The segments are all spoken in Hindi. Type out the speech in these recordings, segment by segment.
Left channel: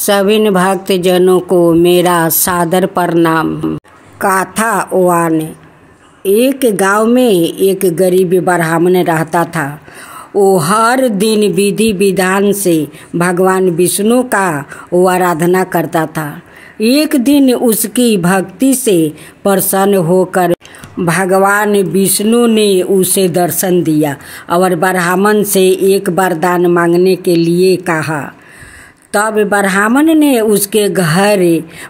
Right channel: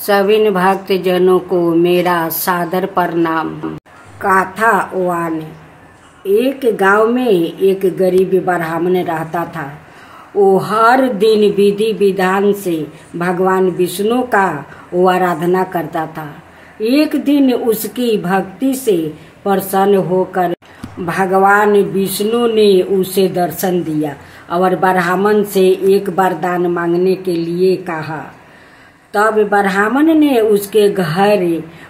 सभी भक्त जनों को मेरा सादर प्रणाम। कथा वन। एक गांव में एक गरीब ब्राह्मण रहता था। वो हर दिन विधि विधान से भगवान विष्णु का आराधना करता था। एक दिन उसकी भक्ति से प्रसन्न होकर भगवान विष्णु ने उसे दर्शन दिया और ब्राह्मण से एक वरदान मांगने के लिए कहा। तब ब्राह्मण ने उसके घर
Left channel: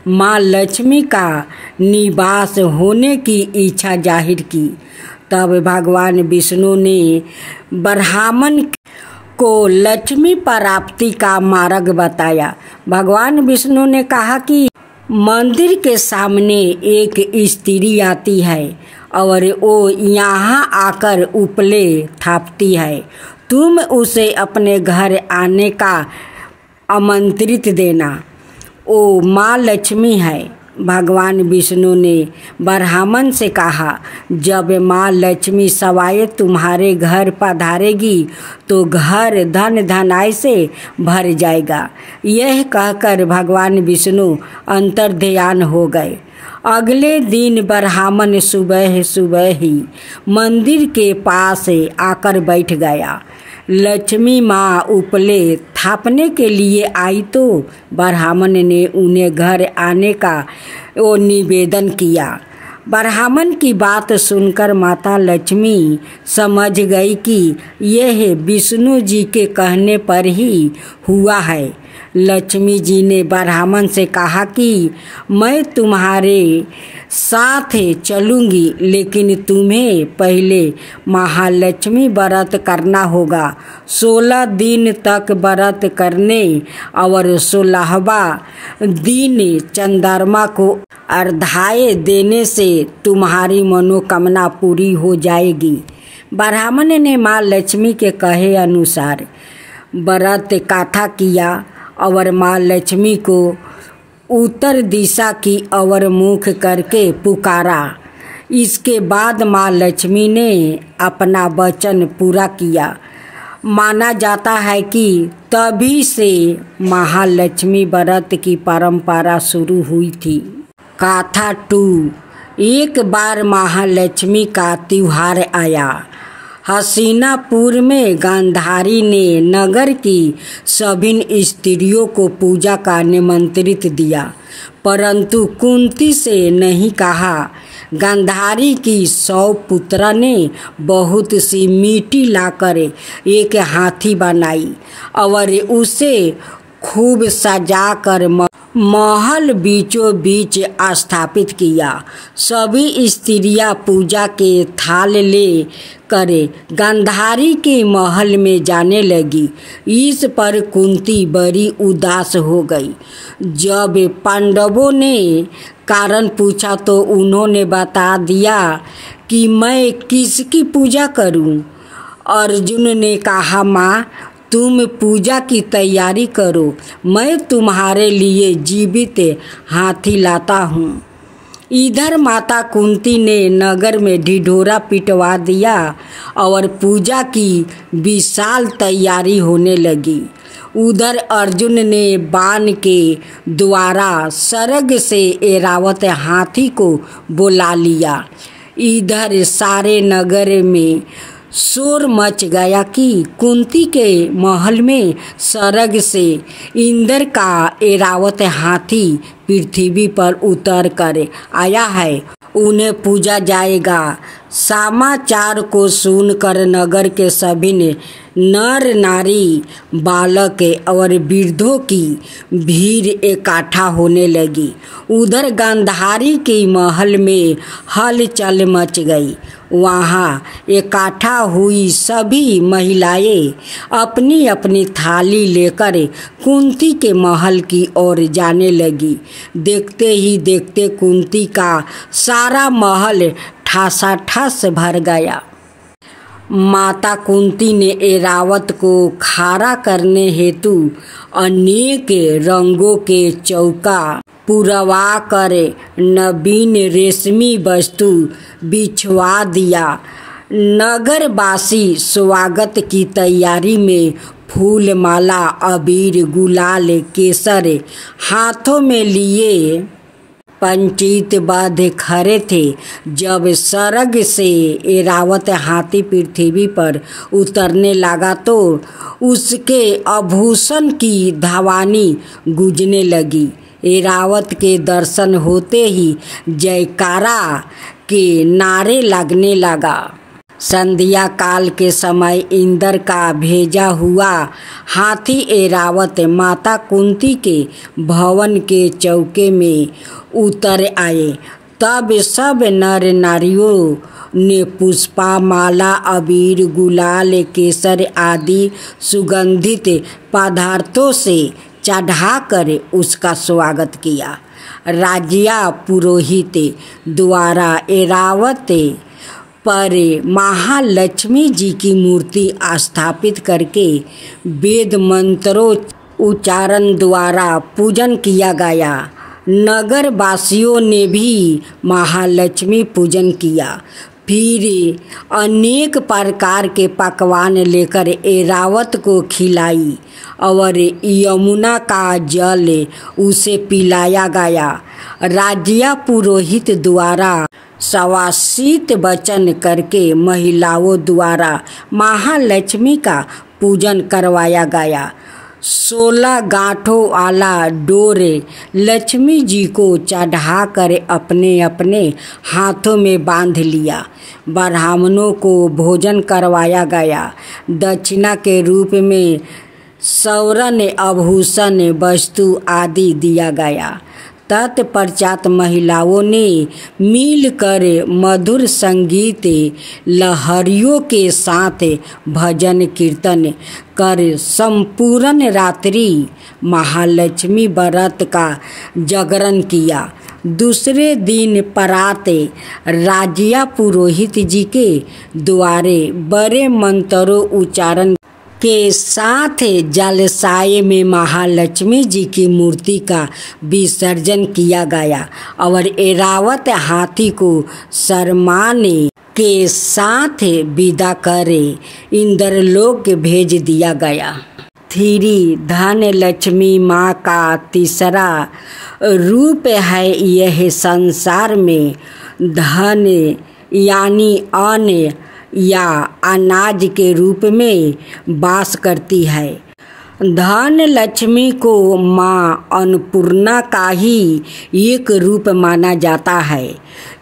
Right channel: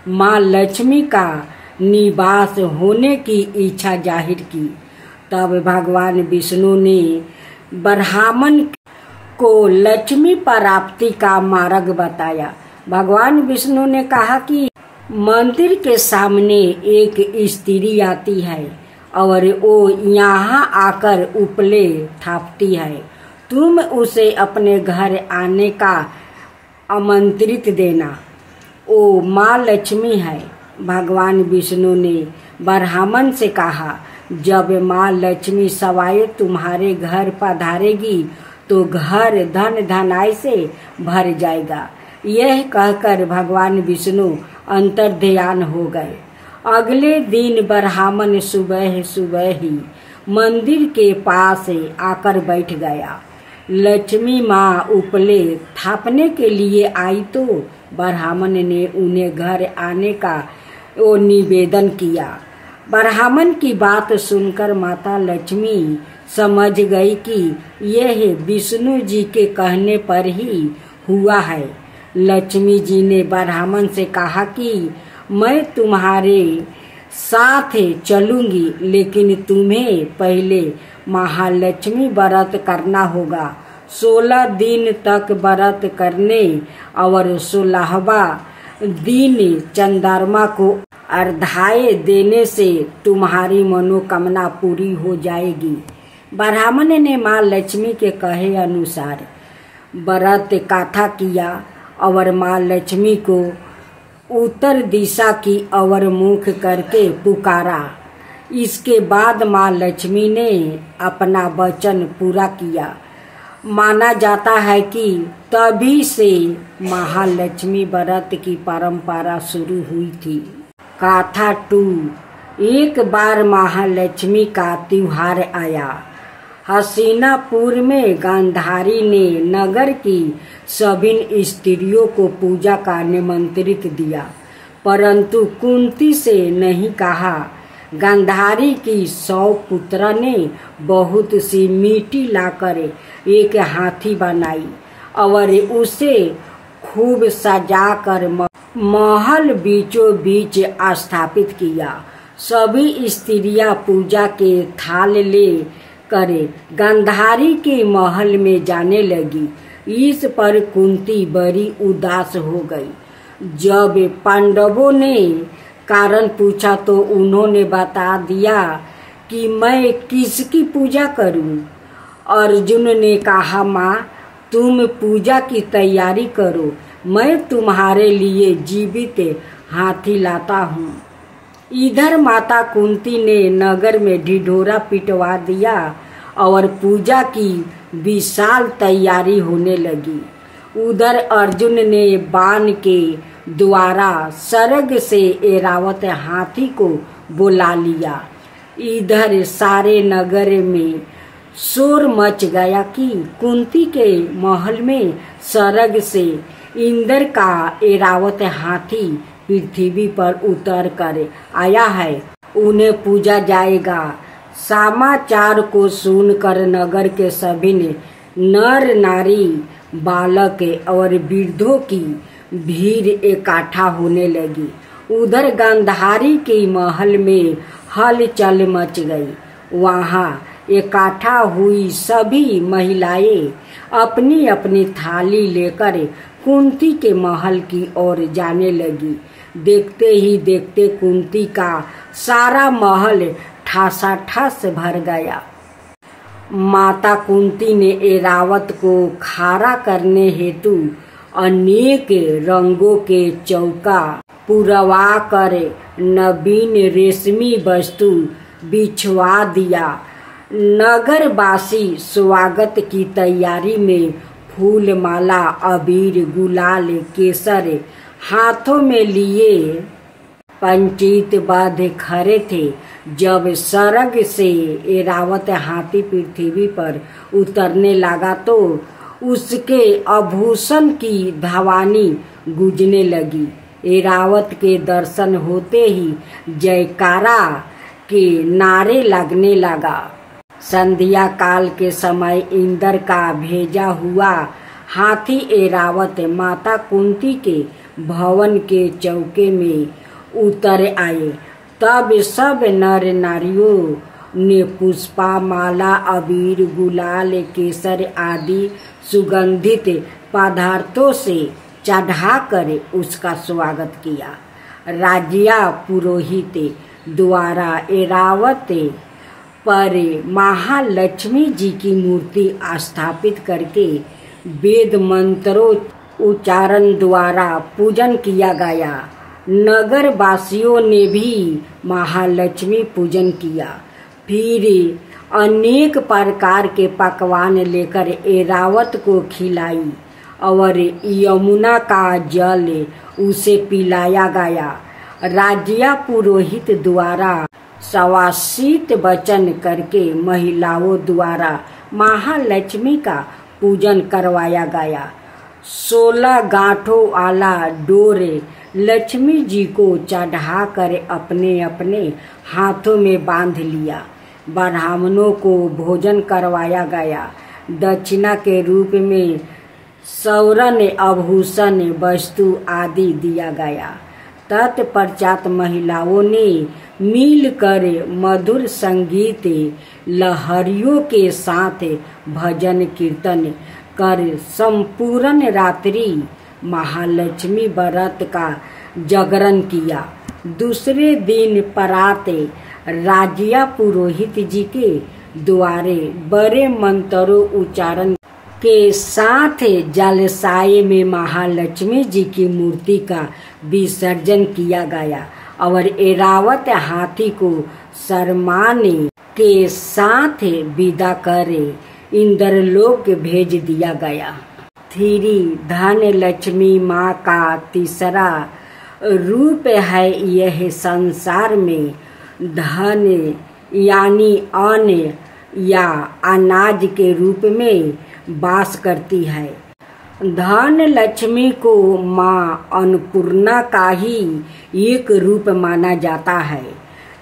माँ लक्ष्मी का निवास होने की इच्छा जाहिर की। तब भगवान विष्णु ने ब्राह्मण को लक्ष्मी प्राप्ति का मार्ग बताया। भगवान विष्णु ने कहा कि मंदिर के सामने एक स्त्री आती है और वो यहाँ आकर उपले थापती है। तुम उसे अपने घर आने का आमंत्रित देना। वो माँ लक्ष्मी है। भगवान विष्णु ने ब्राह्मण से कहा, जब माँ लक्ष्मी सवाए तुम्हारे घर पधारेगी तो घर धन धनाई से भर जाएगा। यह कहकर भगवान विष्णु अंतर्ध्यान हो गए। अगले दिन ब्राह्मण सुबह सुबह ही मंदिर के पास आकर बैठ गया। लक्ष्मी माँ उपले थापने के लिए आई तो ब्राह्मण ने उन्हें घर आने का वो निवेदन किया। ब्राह्मण की बात सुनकर माता लक्ष्मी समझ गई कि यह विष्णु जी के कहने पर ही हुआ है। लक्ष्मी जी ने ब्राह्मण से कहा कि मैं तुम्हारे साथ चलूंगी, लेकिन तुम्हें पहले महालक्ष्मी व्रत करना होगा। 16 दिन तक व्रत करने और 16वां दिन चंद्रमा को अर्घ्य देने से तुम्हारी मनोकामना पूरी हो जाएगी। ब्राह्मण ने माँ लक्ष्मी के कहे अनुसार व्रत कथा किया और माँ लक्ष्मी को उत्तर दिशा की ओर मुख करके पुकारा। इसके बाद माँ लक्ष्मी ने अपना वचन पूरा किया। माना जाता है कि तभी से महालक्ष्मी व्रत की परंपरा शुरू हुई थी। कथा 2। एक बार महालक्ष्मी का त्योहार आया। हसीनापुर में गांधारी ने नगर की सभी स्त्रियों को पूजा का निमंत्रित दिया, परंतु कुंती से नहीं कहा। गांधारी की 100 पुत्रा ने बहुत सी मिट्टी लाकर एक हाथी बनाई और उसे खूब सजाकर महल बीचों बीच स्थापित किया। सभी स्त्रियां पूजा के थाल ले करे गांधारी के महल में जाने लगी। इस पर कुंती बड़ी उदास हो गई। जब पांडवों ने कारण पूछा तो उन्होंने बता दिया कि मैं किसकी पूजा करूं। अर्जुन ने कहा, माँ तुम पूजा की तैयारी करो, मैं तुम्हारे लिए जीवित हाथी लाता हूँ। इधर माता कुंती ने नगर में ढिढोरा पिटवा दिया और पूजा की विशाल तैयारी होने लगी। उधर अर्जुन ने बाण के द्वारा स्वर्ग से ऐरावत हाथी को बुला लिया। इधर सारे नगर में शोर मच गया कि कुंती के महल में स्वर्ग से इंद्र का ऐरावत हाथी पृथ्वी पर उतर कर आया है, उन्हें पूजा जाएगा। समाचार को सुनकर नगर के सभी ने नर नारी बालक और वृद्धों की भीड़ इकट्ठा होने लगी। उधर गांधारी के महल में हलचल मच गई। वहाँ इकट्ठा हुई सभी महिलाएं अपनी अपनी थाली लेकर कुंती के महल की ओर जाने लगी। देखते ही देखते कुंती का सारा महल ठासाठास भर गया। माता कुंती ने ऐरावत को खड़ा करने हेतु अनेक रंगों के चौका पुरवा कर नवीन रेशमी वस्तु बिछवा दिया। नगरवासी स्वागत की तैयारी में फूल माला अबीर गुलाल केसर हाथों में लिए पंचित बांधे खड़े थे। जब स्वर्ग से ऐरावत हाथी पृथ्वी पर उतरने लगा तो उसके आभूषण की धवानी गूंजने लगी। ऐरावत के दर्शन होते ही जयकारा के नारे लगने लगा। संध्या काल के समय इंद्र का भेजा हुआ हाथी ऐरावत माता कुंती के भवन के चौके में उतर आए। तब सब नर नारियों ने पुष्पा माला अबीर गुलाल केसर आदि सुगंधित पदार्थों से चढ़ाकर उसका स्वागत किया। राजिया पुरोहित द्वारा ऐरावत पर महालक्ष्मी जी की मूर्ति स्थापित करके वेद मंत्रों उच्चारण द्वारा पूजन किया गया। नगर वासियों ने भी महालक्ष्मी पूजन किया। फिर अनेक प्रकार के पकवान लेकर ऐरावत को खिलाई और यमुना का जल उसे पिलाया गया। राजिया पुरोहित द्वारा सवासित वचन करके महिलाओं द्वारा महालक्ष्मी का पूजन करवाया गया। 16 गांठों वाला डोर लक्ष्मी जी को चढ़ाकर अपने अपने हाथों में बांध लिया। ब्राह्मणों को भोजन करवाया गया। दक्षिणा के रूप में स्वर्ण आभूषण वस्तु आदि दिया गया। तत्पश्चात महिलाओं ने मिलकर मधुर संगीत लहरियों के साथ भजन कीर्तन कर संपूर्ण रात्रि महालक्ष्मी व्रत का जागरण किया। दूसरे दिन प्रातः राजिया पुरोहित जी के द्वारे बड़े मंत्रों उच्चारण के साथ जलाशय में महालक्ष्मी जी की मूर्ति का विसर्जन किया गया और ऐरावत हाथी को सम्मान के साथ विदा करे इंद्रलोक भेज दिया गया। थ्री धन लक्ष्मी माँ का तीसरा रूप है। यह संसार में धन यानी अन्न या अनाज के रूप में वास करती है। धन लक्ष्मी को माँ अन्नपूर्णा का ही एक रूप माना जाता है।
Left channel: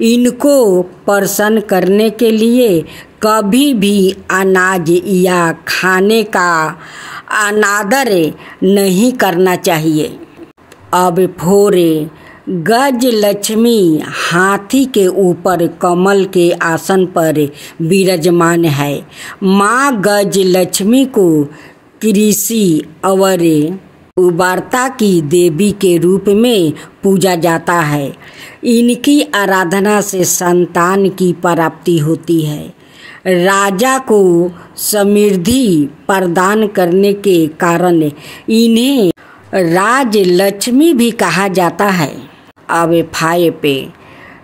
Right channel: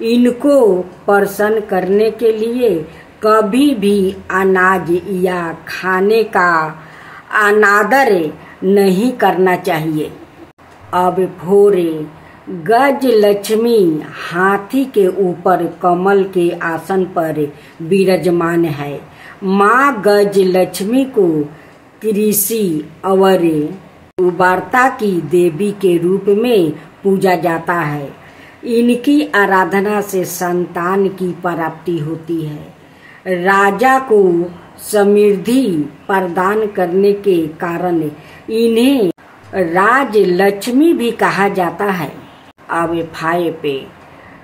इनको प्रसन्न करने के लिए कभी भी अनाज या खाने का अनादर नहीं करना चाहिए। अब फोरे गज लक्ष्मी हाथी के ऊपर कमल के आसन पर विराजमान है। माँ गज लक्ष्मी को कृषि और उर्वरता की देवी के रूप में पूजा जाता है। इनकी आराधना से संतान की प्राप्ति होती है। राजा को समृद्धि प्रदान करने के कारण इन्हें राज लक्ष्मी भी कहा जाता है। अब 5 पे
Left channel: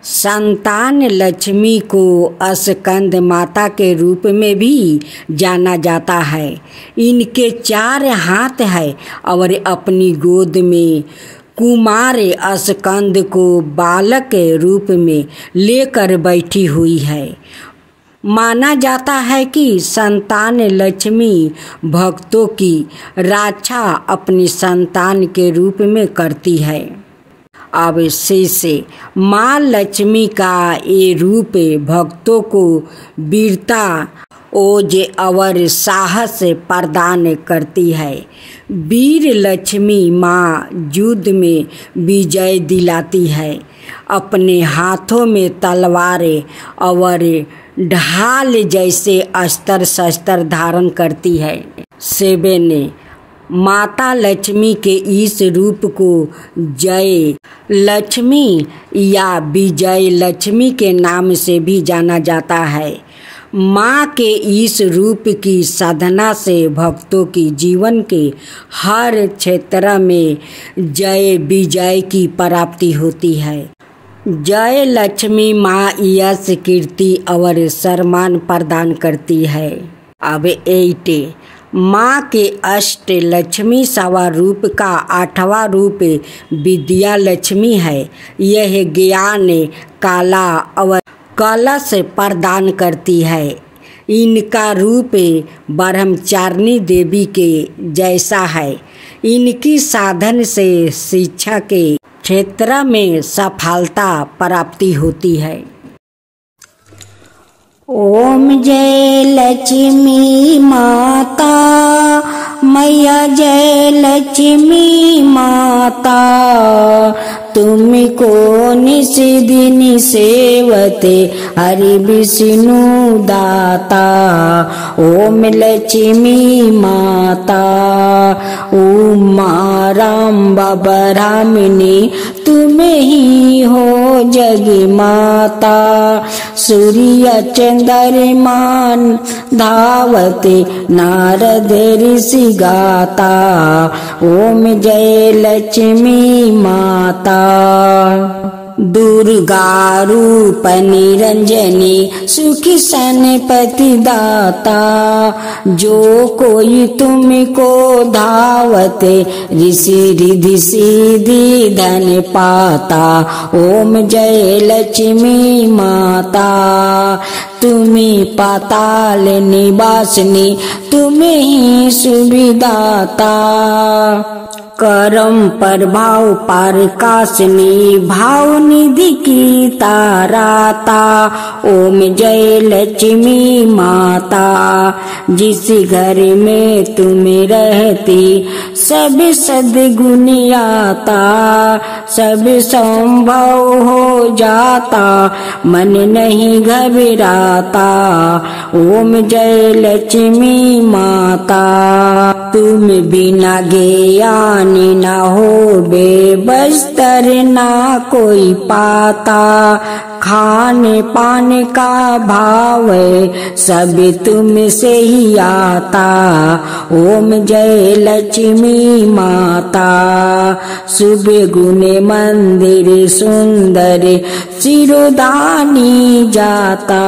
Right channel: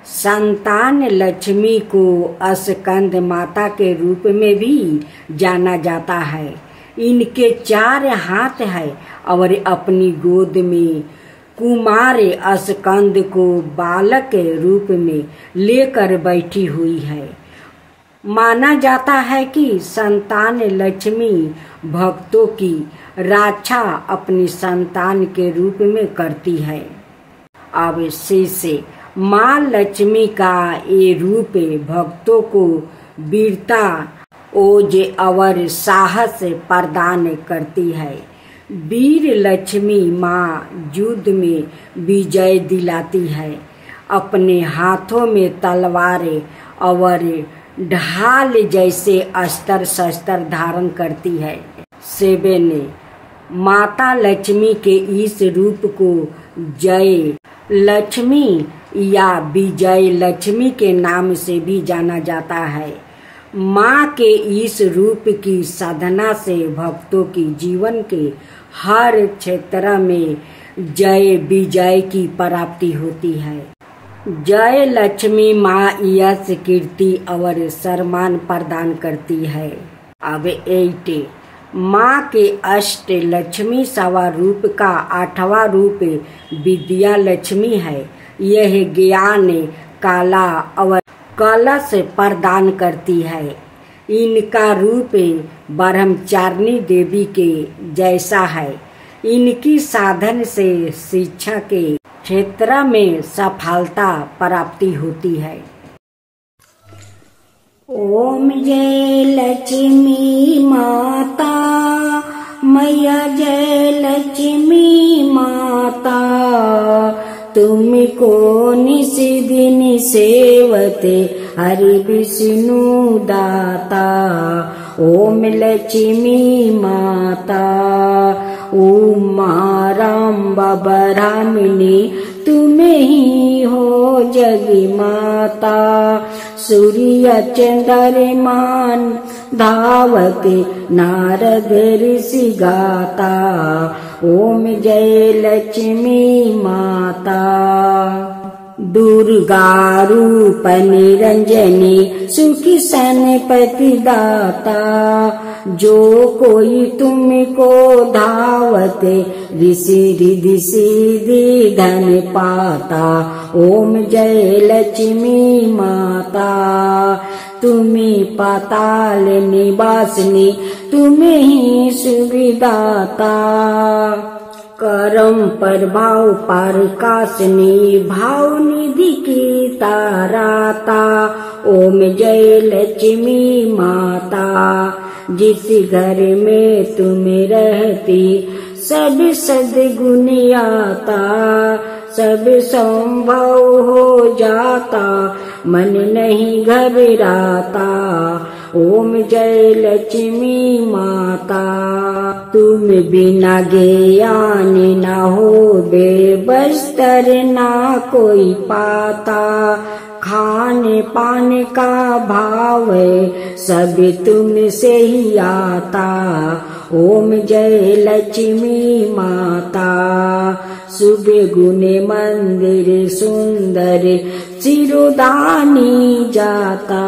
संतान लक्ष्मी को स्कंद माता के रूप में भी जाना जाता है। इनके 4 हाथ है और अपनी गोद में कुमार स्कंद को बालक के रूप में लेकर बैठी हुई है। माना जाता है कि संतान लक्ष्मी भक्तों की रक्षा अपनी संतान के रूप में करती है। अब से माँ लक्ष्मी का ये रूप भक्तों को वीरता ओज और साहस प्रदान करती है। वीर लक्ष्मी माँ युद्ध में विजय दिलाती है। अपने हाथों में तलवारें और ढाल जैसे अस्त्र शस्त्र धारण करती है। 7 माता लक्ष्मी के इस रूप को जय लक्ष्मी या विजय लक्ष्मी के नाम से भी जाना जाता है। माँ के इस रूप की साधना से भक्तों की जीवन के हर क्षेत्र में जय विजय की प्राप्ति होती है। जय लक्ष्मी माँ यश कीर्ति और सम्मान प्रदान करती है। अब 8 माँ के अष्ट लक्ष्मी सवा रूप का 8वां रूप विद्या लक्ष्मी है। यह ज्ञान कला और कलश प्रदान करती है। इनका रूप ब्रह्मचारिणी देवी के जैसा है। इनकी साधन से शिक्षा के क्षेत्र में सफलता प्राप्ति होती है। ओम जय लक्ष्मी माता मैया, जय लक्ष्मी माता, तुमको निस दिन सेवते हरि विष्णु दाता। ओम लक्ष्मी माता उमा राम ब्रह्मणी, तुम ही हो जग माता। सूर्य चंद्रमान धावते नारद ऋषि गाता। ओम जय लक्ष्मी माता। दुर्गा रूप निरंजनी, सुखी सनपति दाता। जो कोई तुमको धावते ऋषि रिधि सिद्धि धन पाता। ओम जय लक्ष्मी माता। तुम्हें पाताल निवासिनी, तुम्हें ही सुविदाता। करम प्रभाव प्रकाशनी, भाव निधि की ताराता। ओम जय लक्ष्मी माता। जिस घर में तुम रहती सब सद्गुण आता। सब संभव हो जाता, मन नहीं घबराता। ओम जय लक्ष्मी माता। तुम बिना ज्ञान न हो बेबस्तर ना कोई पाता। खाने पाने का भाव सब तुम से ही आता। ओम जय लक्ष्मी माता। शुभ गुण मंदिर सुंदर सिरोधानी जाता।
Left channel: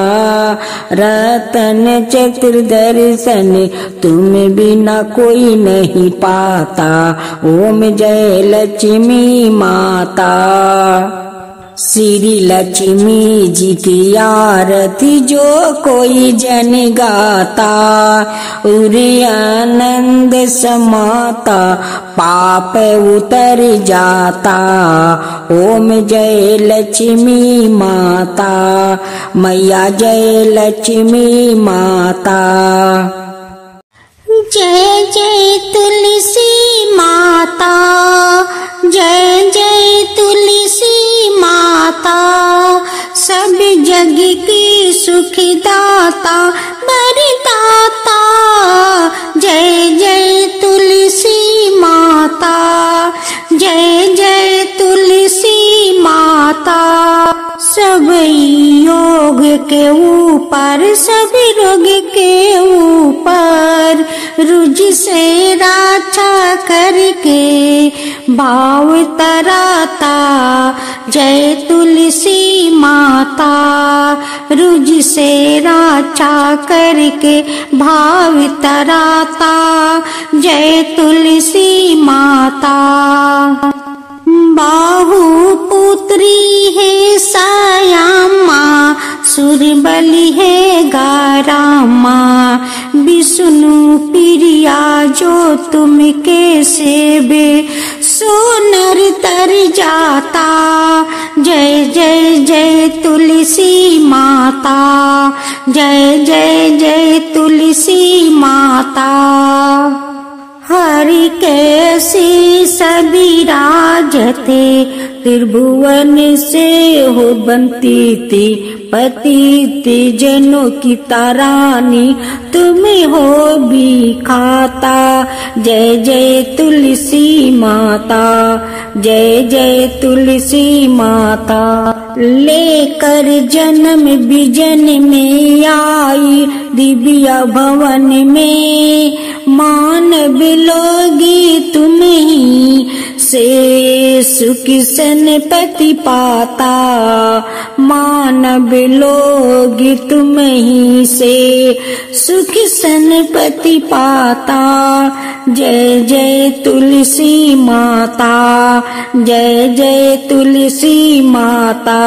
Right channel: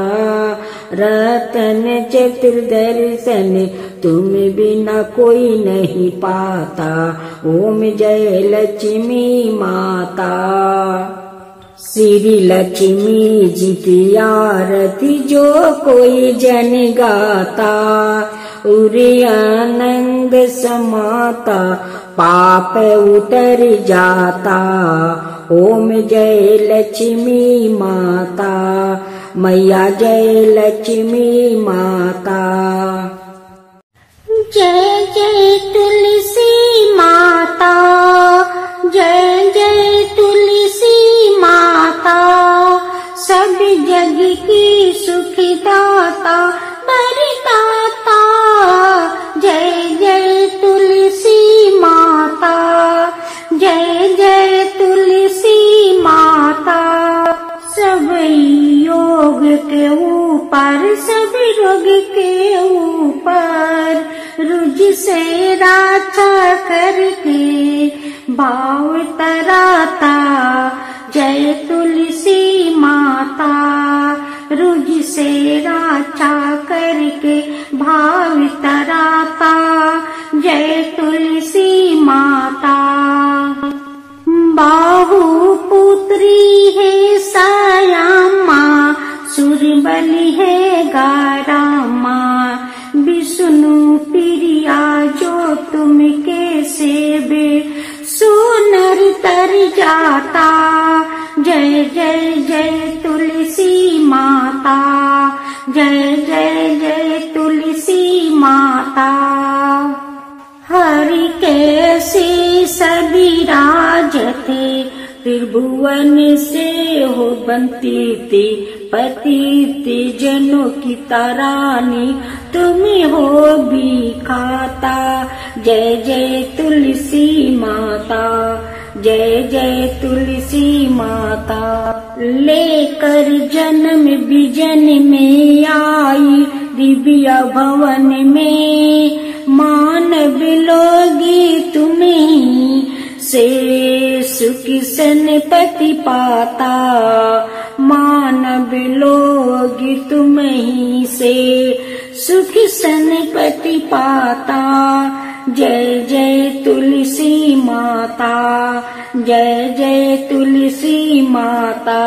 रतन चतुर्दर्शन तुम बिना कोई नहीं पाता। ओम जय लक्ष्मी माता। श्री लक्ष्मी जी की आरती जो कोई जन गाता। उरे आनंद समाता, पाप उतर जाता। ओम जय लक्ष्मी माता मैया, जय लक्ष्मी माता। जय जय तुलसी माता, जय जय तुलसी माता। सब जग की सुखदाता वरदाता। जय जय तुलसी माता, जय जय तुलसी माता। सब योग के ऊपर, सब रोग के ऊपर, रुझ से रक्षा करके भाव तराता। जय तुलसी माता। रुझ से रक्षा करके भाव तराता। जय तुलसी माता। बाहु पुत्री है सायामा, सुरबली है गारामा। विष्णु प्रिया जो तुम के सेवे, सो नर तर जाता। जय जय जय तुलसी माता, जय जय जय तुलसी माता। हरि कैसी सभी राजते, त्रिभुवन से हो बनती थी। पतिति जनों की तारानी, तुम्हें हो भी खाता। जय जय तुलसी माता, जय जय तुलसी माता। लेकर जन्म विजन में आई, दिव्य भवन में मानव लोगी तुम्हें से सुख सनपति पाता। मानव लोग तुम ही से सुख सनपति पाता। जय जय तुलसी माता, जय जय तुलसी माता।